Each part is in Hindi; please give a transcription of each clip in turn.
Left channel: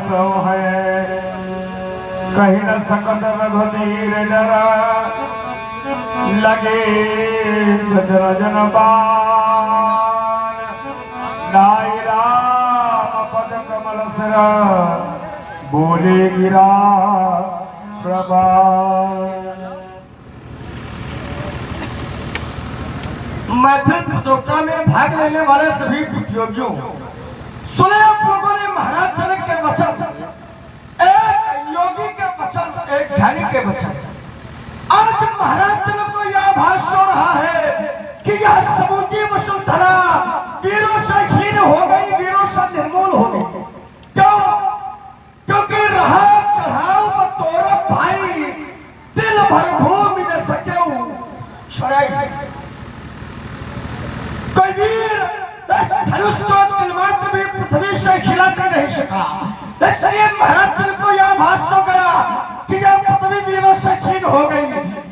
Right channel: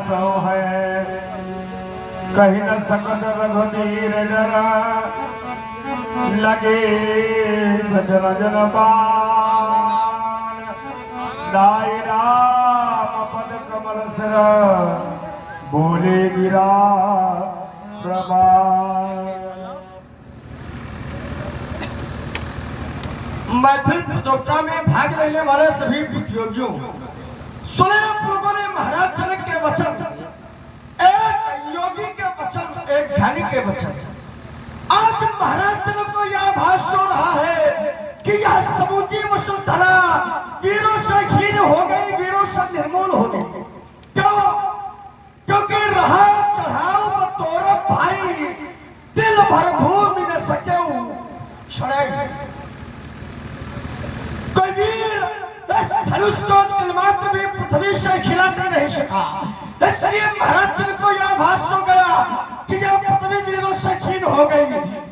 सो है कहीं न सकत रघुवीर जरा लगे भजन जन पान नाई राम पद कमल सिर बोले गिरा प्रभात। मैथिल प्रतियोगिता में भाग लेने वाले सभी प्रतियोगियों सुने आप लोगों ने महाराज जनक के वचन, एक योगी के वचन, एक ध्यानी के वचन। आज महाराज जनक को यह आभास हो रहा है कि यह समूची वसुंधरा वीरों से हीन हो गई, वीरों से निर्मूल हो गई। क्यों? क्योंकि रहा चढ़ाओ तोरा भाई दिल भर भूमि न सके छड़ाई। कोई वीर इस धनुष को तिलमात्र भी पृथ्वी से खिलाता नहीं सका। इसलिए महाराज जनक को यह आभास हो गया कि यह पृथ्वी वीरों से छीन हो गई।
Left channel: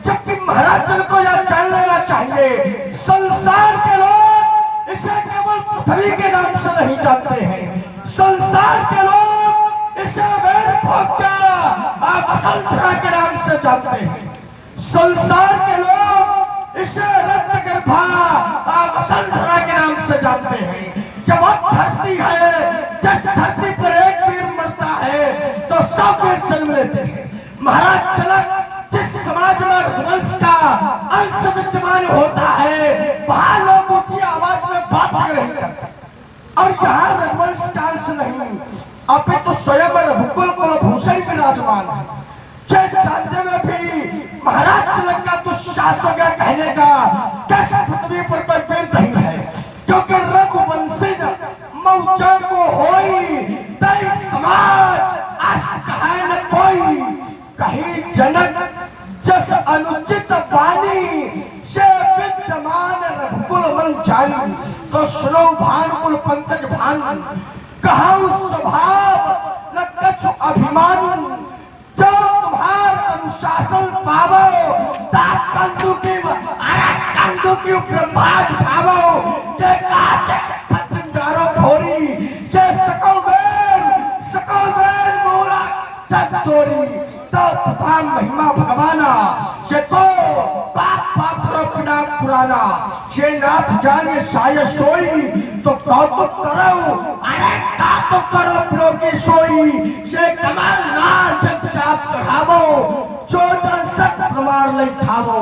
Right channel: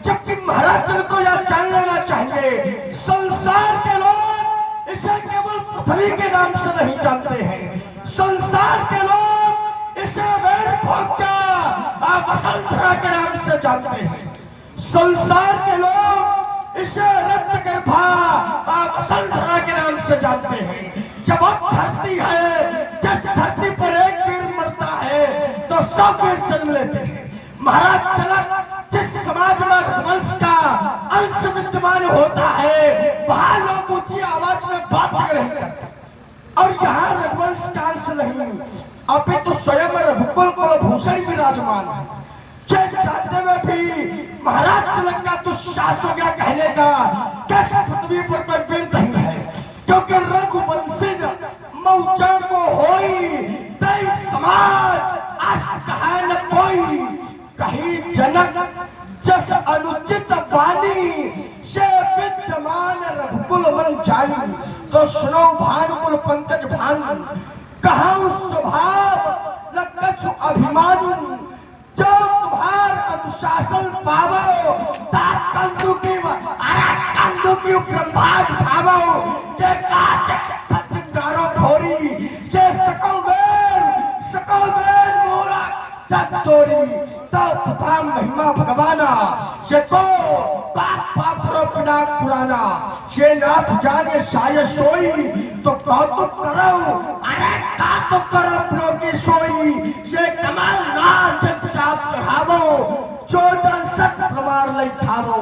जबकि महाराज जनक को यह जान लेना चाहिए संसार के लोग इसे केवल पृथ्वी के नाम से नहीं जानते हैं। संसार के लोग इसे वसुंधरा के नाम से जानते हैं। संसार के लोग इसे रक्त गर्भा वसुंधरा के नाम से जानते हैं। जब अब धरती है, जिस धरती पर एक वीर मरता है तो 100 वीर जन्म लेते हैं। महाराज जनक जिस समाज में रघुवंश का अंश विद्यमान होता है वहां लोग ऊंची आवाज में बात नहीं करते। और यहाँ रघुवंश का अंश नहीं, अपितु स्वयं रघुकुल कुलभूषण विराजमान है। जानते में भी महाराज जनक का दुस्साहस हो गया कहने का कैसे पृथ्वी पर कोई वीर नहीं है। क्योंकि रघुवंशी मौजा को होई तय समाज अस कहा न कोई। कहीं जनक जस अनुचित वाणी से विद्यमान रघुकुल मन जानी। तो सुनो भानुकुल पंकज भानु कहा स्वभाव न कछु अभिमानी। जो तुम्हार अनुशासन पावो कंदू की ब्रह्मांड उठावो जे काचे खंडारो फोरी जे सकल बेन मोरा जब तोरी तब पता महिमा भगवाना ये तो पाप पिना पुराना ये नाथ जाने शायद सोई तो कौतुक करो। अरे कौतुक करो प्रोगी सोई ये कमाल नाच चाप चढ़ावो जो जन सच प्रमाण ले ठावो।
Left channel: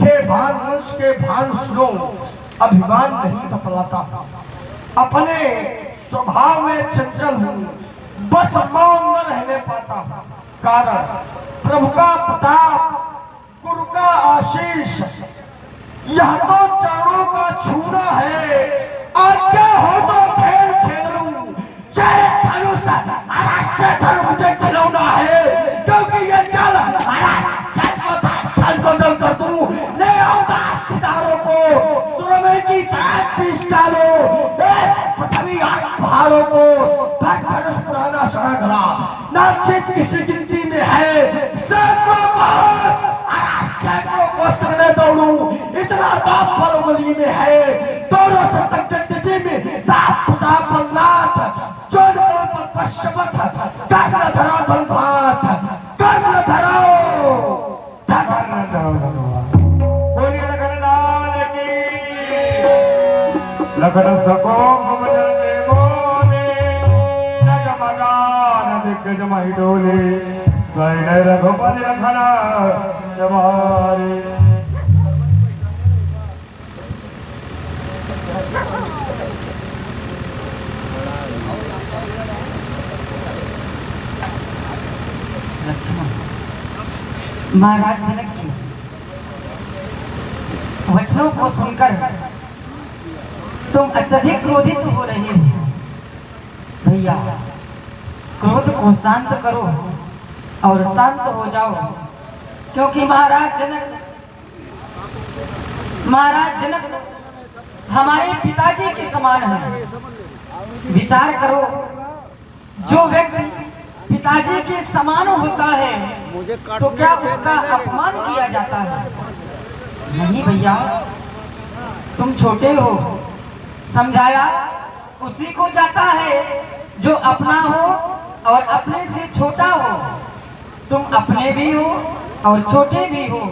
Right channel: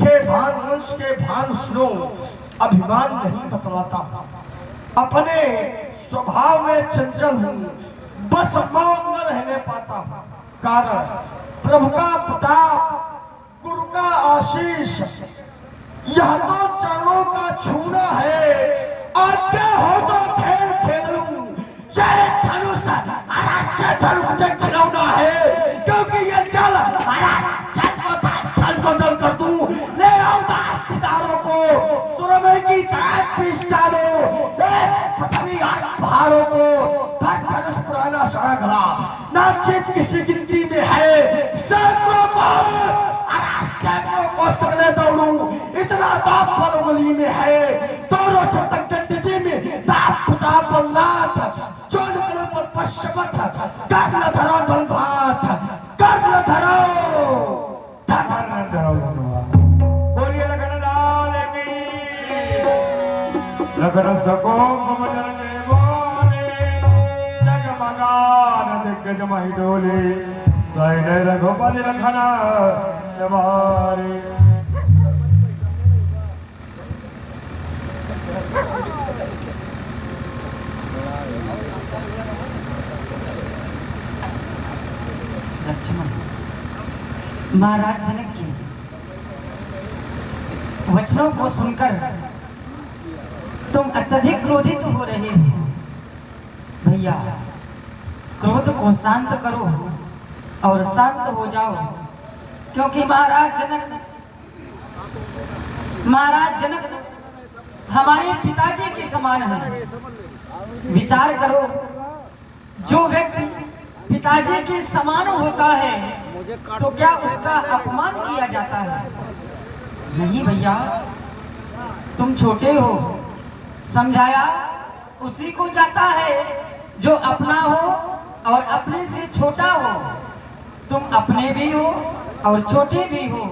हे भान वंश के भान सुनो अभिमान नहीं बतलाता, अपने स्वभाव में चंचल हूँ, बस मौन न रहने पाता हूँ। कारण प्रभु का प्रताप, गुरु का आशीष, यह तो चरणों का छूना है। आज्ञा हो तो खेल खेल लूं, जय धनुष से धन मुझे खिलौना है। क्योंकि ये जल को जल कर दूं, ले आओ सितारों को सुरमे की तरह पीस डालो। पृथ्वी पहाड़ों को धनुष पुराना सड़ा गला नाचित किसी गिनती में है। सैकड़ों को सड़ने दौड़ूं इतना दाप पलगली में है। दोनों शतक जगजी में दाप पुता बलनाथ चोल पर पश्चिमत कर धरो दल भात कर धरो लगन सको भजन के बोले नगमगान दिग्गज मही डोले सैन रघुपति लखन जवारे। लक्ष्मण महाराज जनक के वचनों को सुनकर तुम अत्यधिक क्रोधित हो रहे हो। भैया क्रोध को शांत करो और शांत हो जाओ। क्योंकि महाराज जनक हमारे पिताजी के समान है। विचार करो, जो व्यक्ति पिताजी के समान होता है तो क्या उसका अपमान किया जाता है? नहीं भैया, तुम छोटे हो, समझाया उसी को जाता है जो अपना हो और अपने से छोटा हो, तुम अपने भी हो और छोटे भी हो।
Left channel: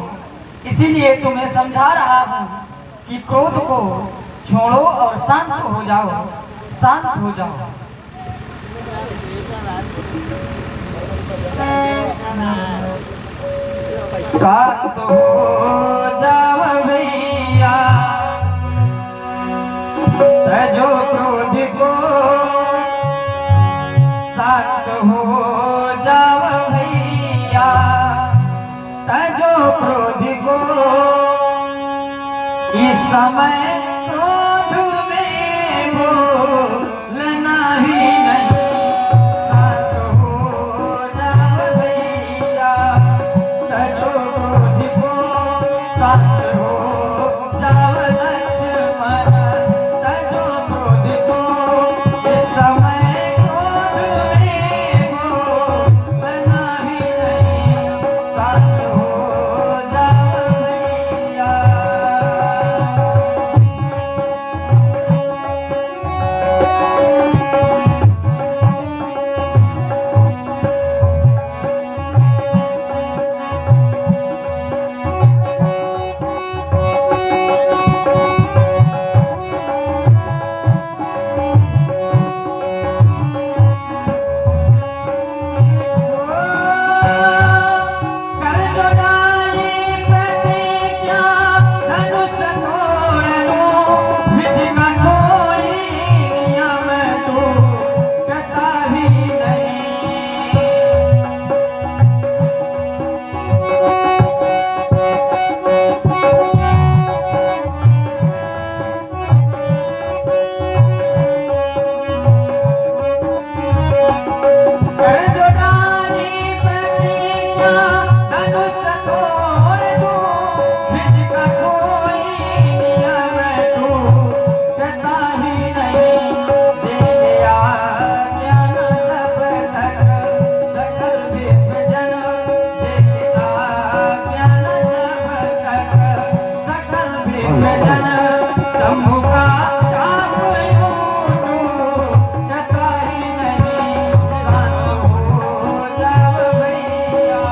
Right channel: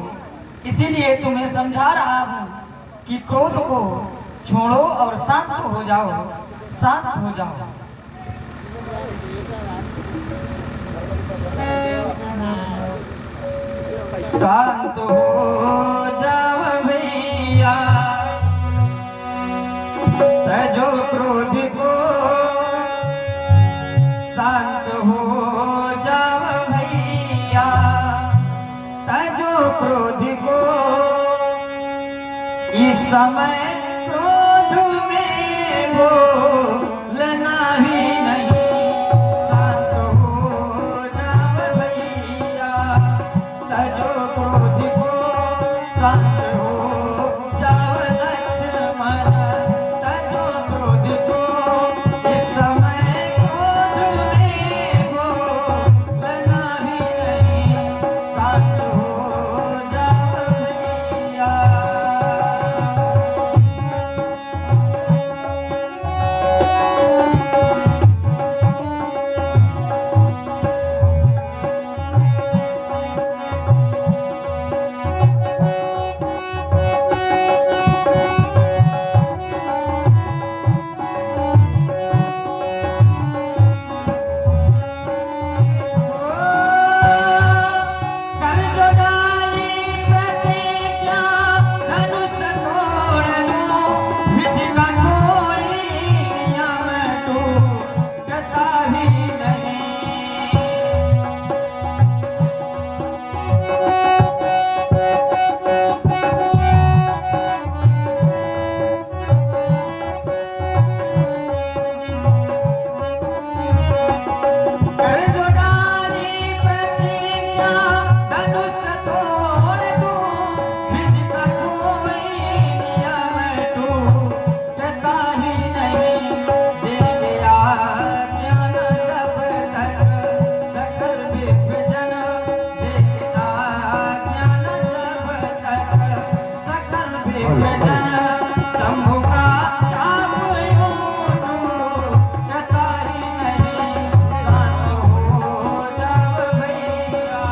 इसीलिए तुम्हें समझा रहा हूँ कि क्रोध को छोड़ो और शांत हो जाओ, शांत हो जाओ। शांत हो जाओ भैया, तजो क्रोध को, शांत हो जाओ भैया, तजो क्रोध को। इस समय क्रोध में बोलना ही नहीं, शांत हो जाओ भैया, तजो क्रोध को, शांत हो जाओ लक्ष्मण, तजो क्रोध को। इस समय क्रोध में बोलना ही नहीं, शांत हो जाओ भैया। कर जो डाली प्रतिज्ञा, धनुष तोड़ दो, विधि का कोई नियम टूटता ही नहीं। कर जो डाली प्रतिज्ञा, धनुष तोड़ दो, विधि का कोई नियम टूटता ही नहीं। देंगे आज्ञा जब तक सकल विप्रजन, देंगे आज्ञा जब तक सकल विप्रजन। शंभु का चाप टूटता ही नहीं, शांत हो जाओ भैया।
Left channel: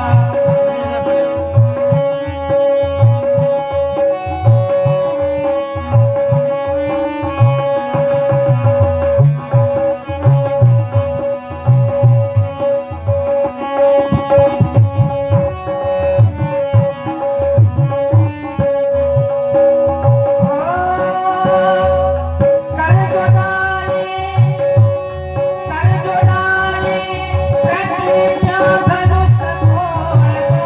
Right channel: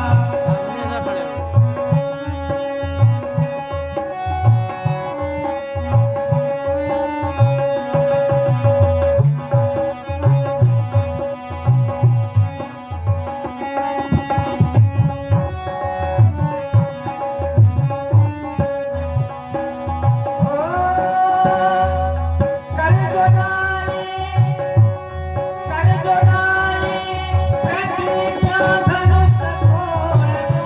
कर जो डाली, कर जो डाली प्रतिज्ञा, धनुष तोड़ दो,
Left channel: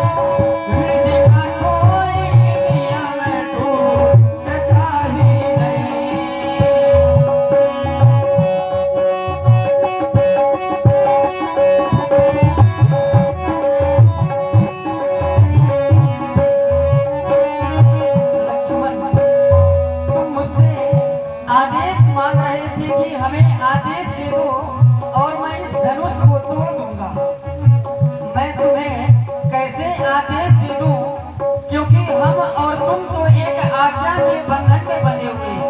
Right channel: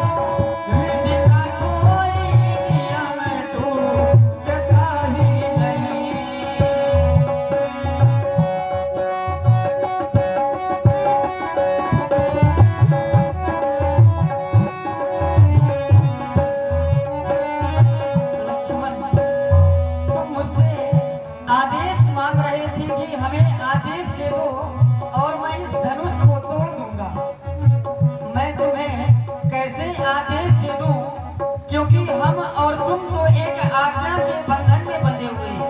विधि का कोई नियम टूटता ही नहीं। लक्ष्मण, तुम मुझसे आदेश मांग रहे थे कि हमें आदेश दे दो और मैं इस धनुष को तोड़ दूंगा। मैं तुम्हें कैसे आदेश दे दूं, क्योंकि हम और तुम तो एक आज्ञा के बंधन में बंधे हुए हैं।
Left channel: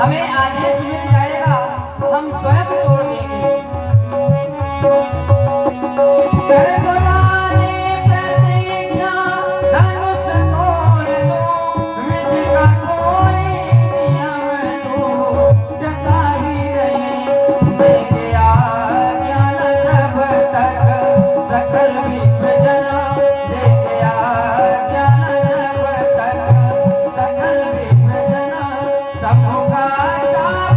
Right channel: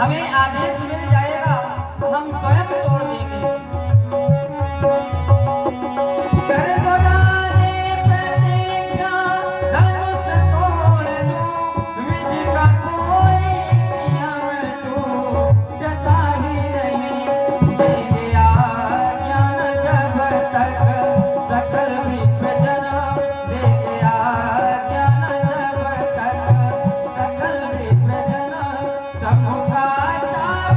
हमें आदेश मिल जाएगा, हम स्वयं तोड़ देंगे। कर जो डाली प्रतिज्ञा, धनुष तोड़ दो, विधि का कोई नियम टूटता ही नहीं। देंगे आज्ञा जब तक सकल विप्रजन, देंगे आज्ञा जब तक सकल विप्रजन। शंभु का चाप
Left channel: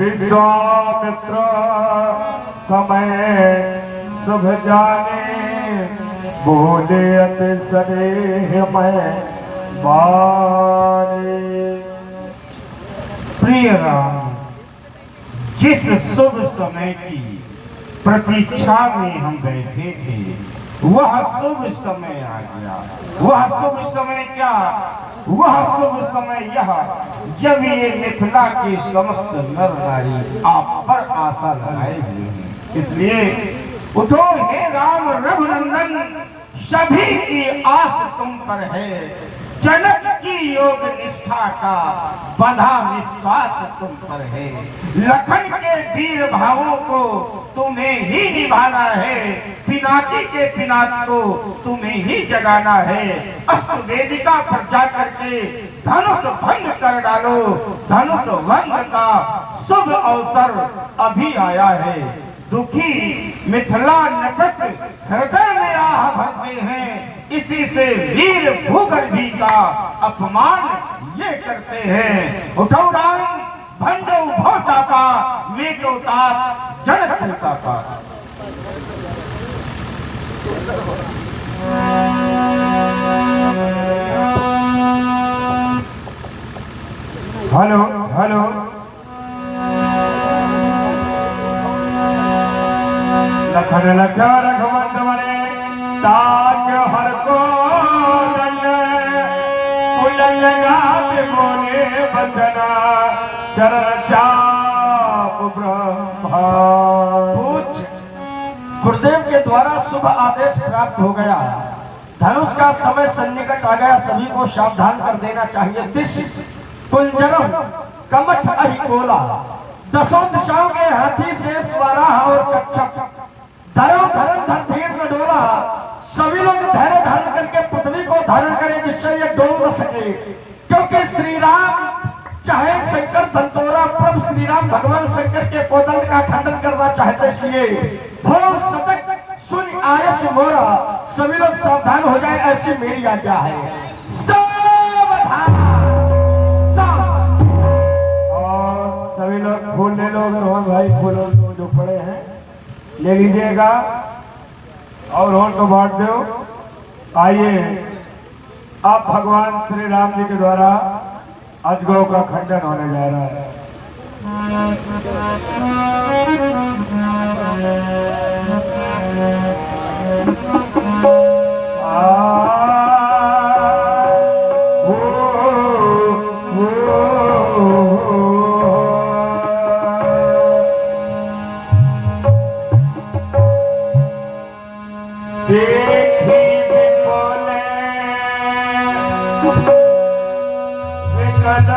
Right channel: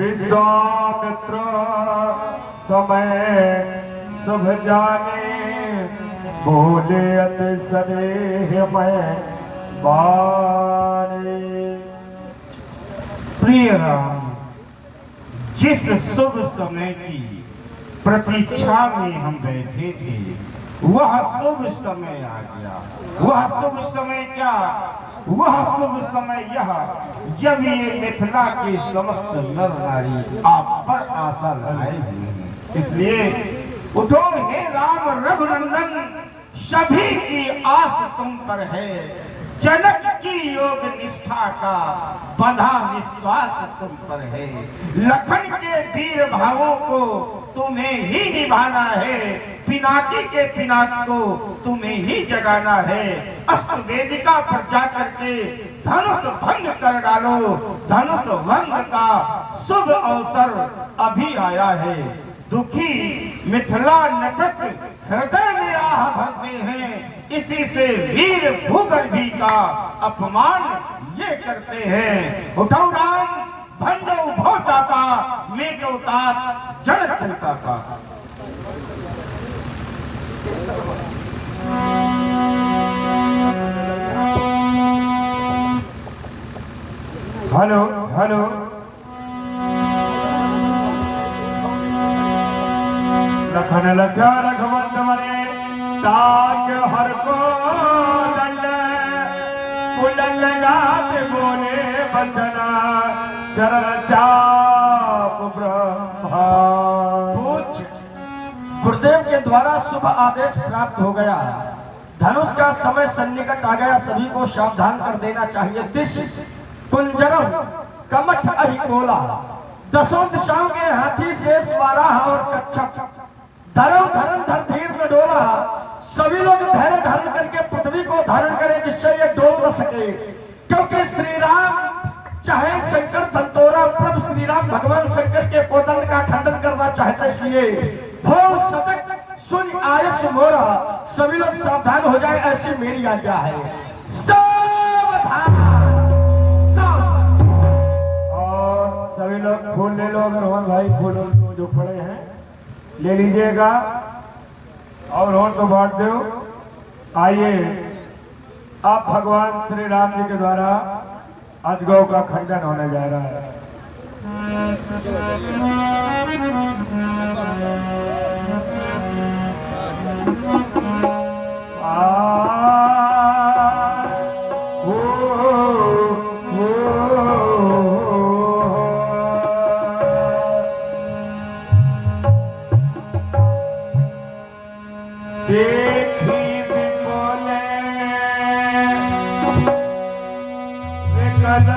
विश्वामित्र समय शुभ जाने, बोले अति सदेह मैं बारे। प्रिय राम, जिस शुभ समय की प्रतीक्षा में हम बैठे थे वह शुभ समय आ गया। वह शुभ समय क्या? वह शुभ समय यह जब ये मिथिला के समस्त नर नारी आप पर आशा लगाए हुए हैं। इसलिए उठो हे राम रघुनंदन, सभी की आस तुम पर है। जनक की योग निष्ठा का बंधा विश्वास तुम पर है। लखन के वीर भावों को तुम्हें ही निभाना है। पिनाकी के पिनाक को तुम्हें ही जगाना है। अष्ट वेदिका पर जाकर के धनुष भंग कर डालो। धनुष भंग का शुभ अवसर अभी आया है। दुखी मिथिला नटक हृदय में आह भरते हैं। इसी से वीर भूगर्भी का अपमान ये करते हैं। उठो राम, भंजो भो चापा, मेटो तात जन पिता का। हेलो हेलो, लखन लख्या रघुवंश मरे, ताक हर को दंड, कुलंग गात बोले बचना, चरण चाप ब्रह्मा। पूज्य गुरुदेव के द्वारा शुभ आदेश प्राप्त हो गया। धनुष का समय सन्निकट आ गया। सभी को सावधान कर देना चाहिए। दिश कुंजरम कमठ अहिकोला, दसों दिशाओं के हाथी शेष वाराह और कच्छप, धर्म धर्म धर धीर में डोला। सभी लोग धैर्य धारण करके पृथ्वी को धारण करें जिससे ये डोल न सके। क्योंकि श्री राम चाहे शंकर धनतोरा, प्रभु श्री राम भगवान शंकर के कोदंड का खंडन करना चाहते, इसलिए भो सजग सुन आयस मोरा। सभी लोग सावधान हो जाए, ऐसी मेरी आज्ञा है। सावधान, सावधान। और सभी लोग फूल ले लो। अगर हो भाई फूल तो जो पड़े हैं ले लीजिएगा और होन को बांट दो। आइए, अब भगवान श्री राम जी के द्वारा अजगौ का खंडन होने जा रहा है। देखी विपुले विकल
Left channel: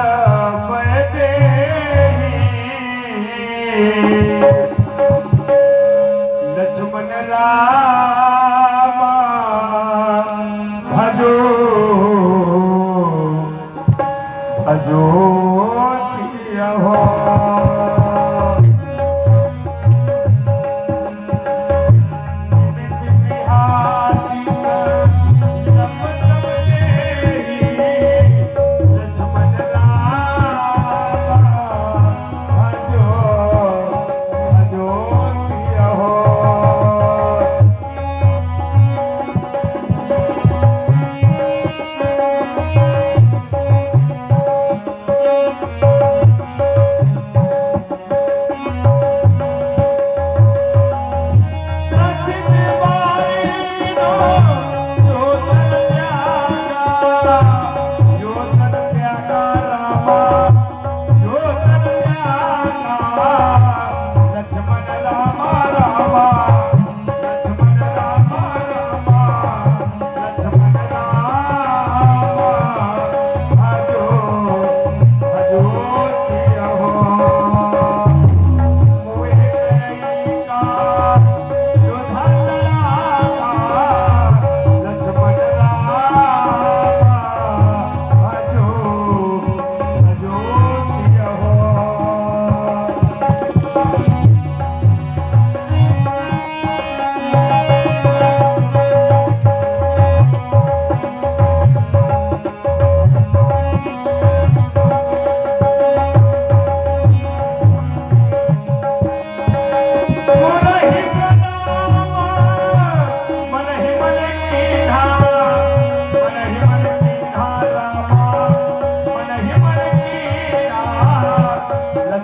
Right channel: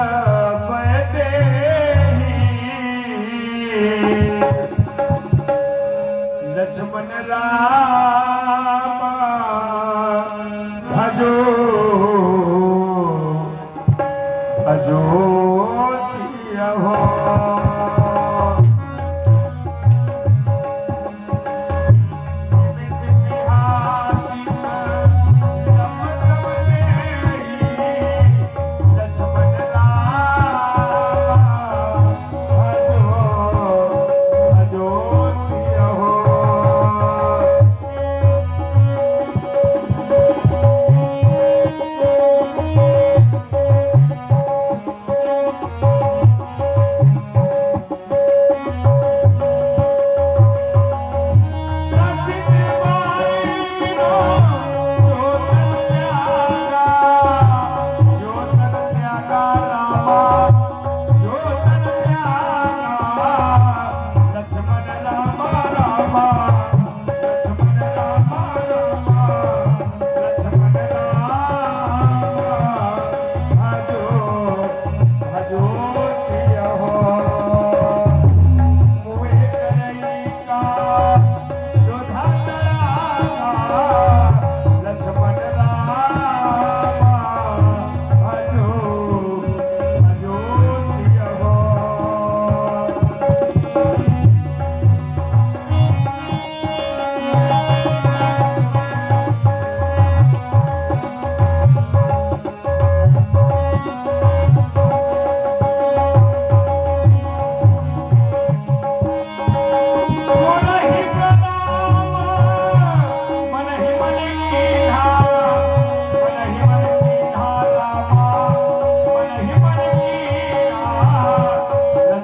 लक्ष्मण राम भजो भजो सिया हो।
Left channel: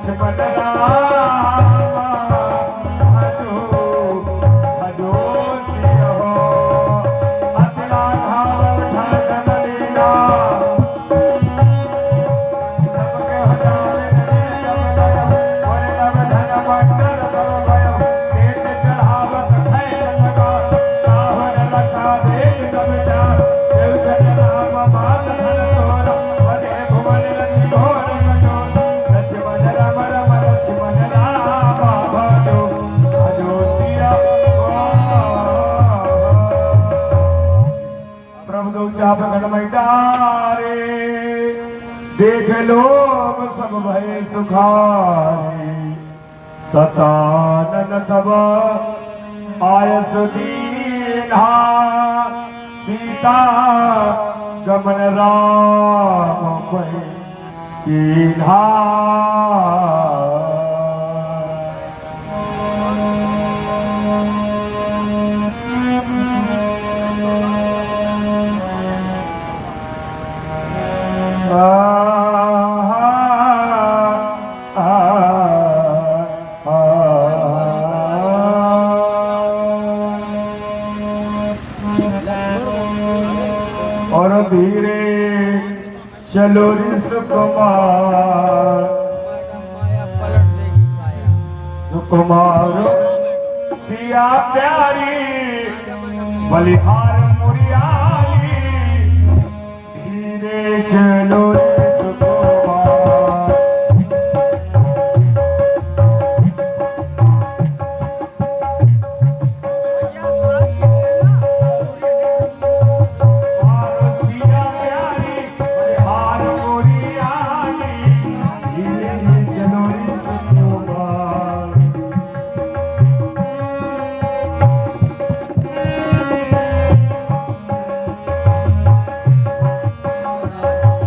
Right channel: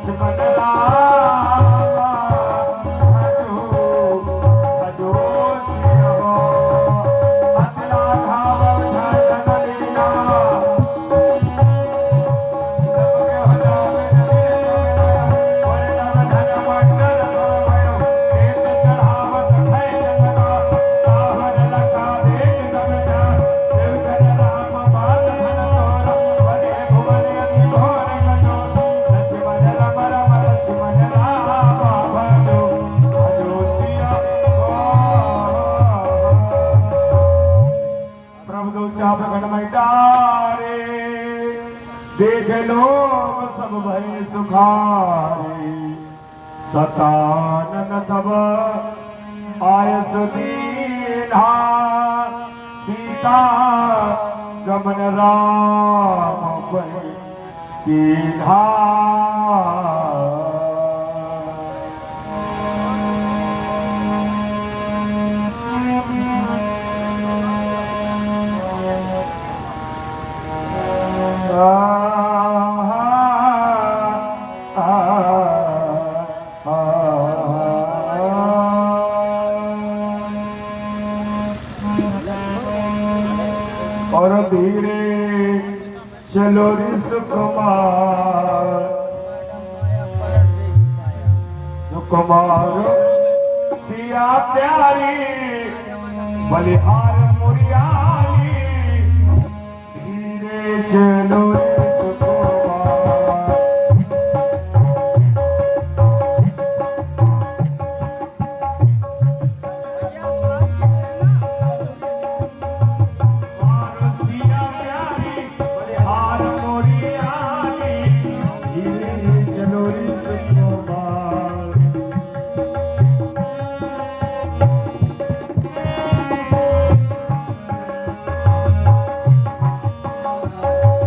लक्ष्मण रामा भजो भजो सिया अतला धावल धन लीला तब के हटा में और नव धन मंडल सब भयो देत चढ़ावत है चंद्रमा आवन लखा देख सब चार देव चंद्र राम बात धन तोरा बने भुवन अति घोर कठोर लक्ष्मण राम राम लक्ष्मण राम भजो भजो सिया प्रभु दो चाप गणमय डारे देख लोग सब भय सुखारे सतानन तब आयस दीन्हा सीता गमन राम कोई कीन्हा और धीरे चलो रे सुकुमार सुकुमार सिया प्यारी बलिहार मुरियाली धीरे चलो रे सुकुमार और सिया प्यारी बलिहार मुरियाली धीरे चलो रे सुकुमार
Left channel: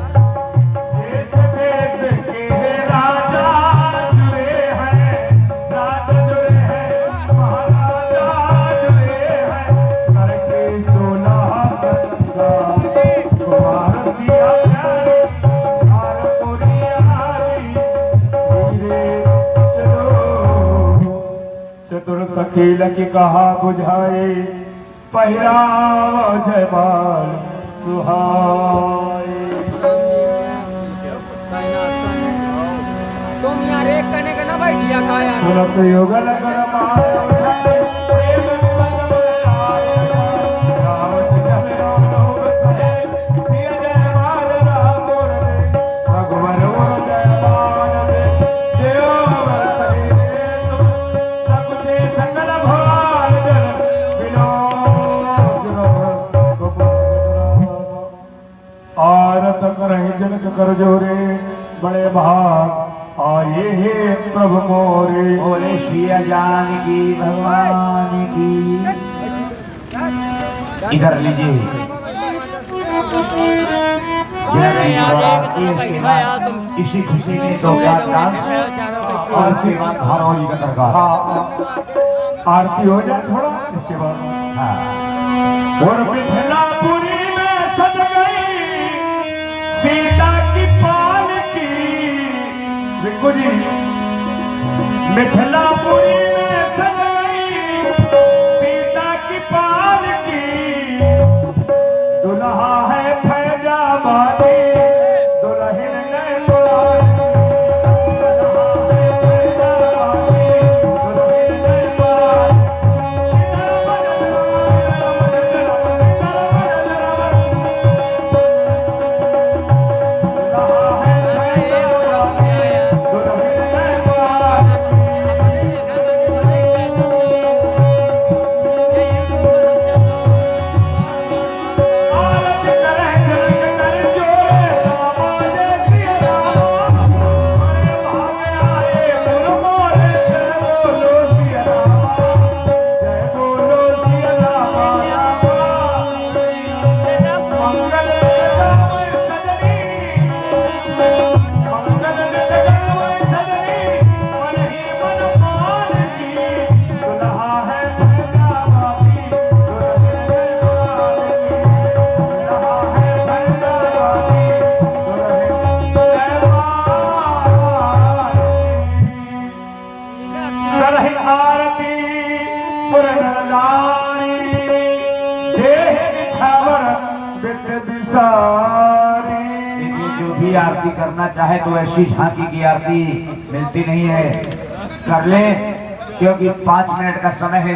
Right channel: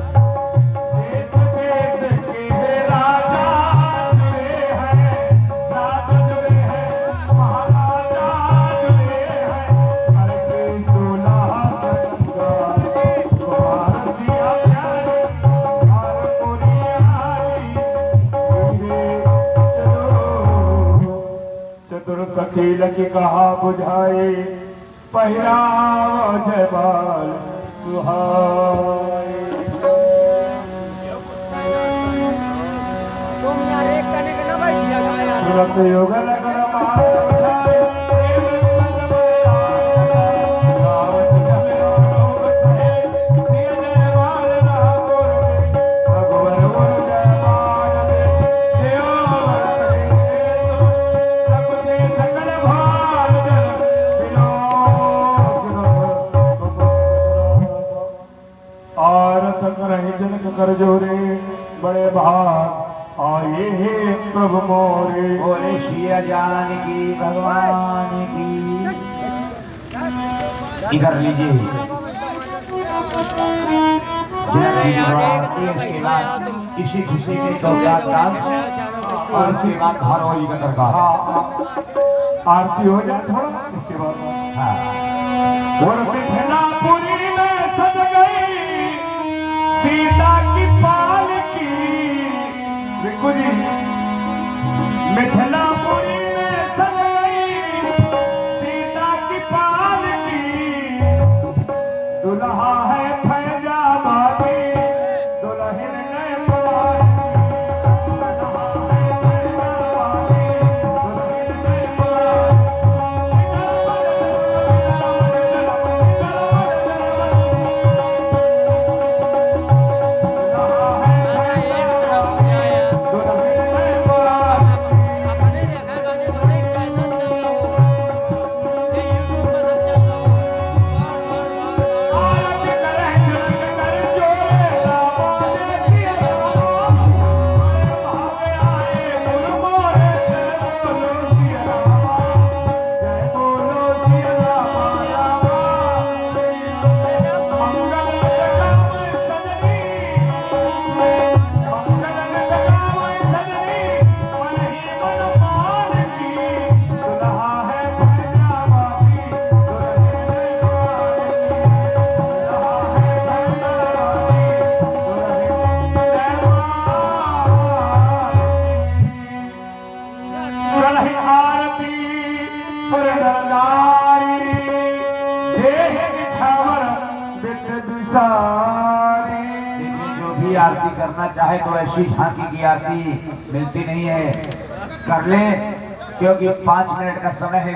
देश देश के राजा जुड़े हैं महाराजा जुड़े हैं करके 16 संगार कुमार सिया प्यारी हार मुरियाली धीरे चलो चतुर सखी लकी कहा बुझाए पहिराव जयमाल सुहाए सुनत युगल कर मार प्रेम निमज गावत जमिरो लोग सहे सिया जयमाल राम रे रघुवर जयमाल रे देव सहे सब जे संगल भाल जन बिलो आरत करहि जनक कर जोरे बड़े महान आए हे प्रभु मोरे बोले सिया जानकी भगवान की। इधर लीजिए इसके बाद इसी खुशी में दो डांस और इसके बाद धारावाहिक का तड़का। आरती हो जाए थोड़ा इसके बाद हाँ। और मिथिलापुरी में सज गई सीता की पालकी रिंकू जी मिथिलापुरी में सज गई सीता की पालकी दुल्हा है फैजाबादी दुल्हन नेपाल दुल्हा है फैजाबादी दुल्हन नेपाल दुल्हा है फैजाबादी दुल्हन नेपाल करहि आरती पुर नर नारी देह निछावर बित बिसारी। देखिए, जो भी आरती करना चाहे तो ऐसी झांकी की आरती मिलती नहीं है, कर ले, क्योंकि 5 मिनट का समय है।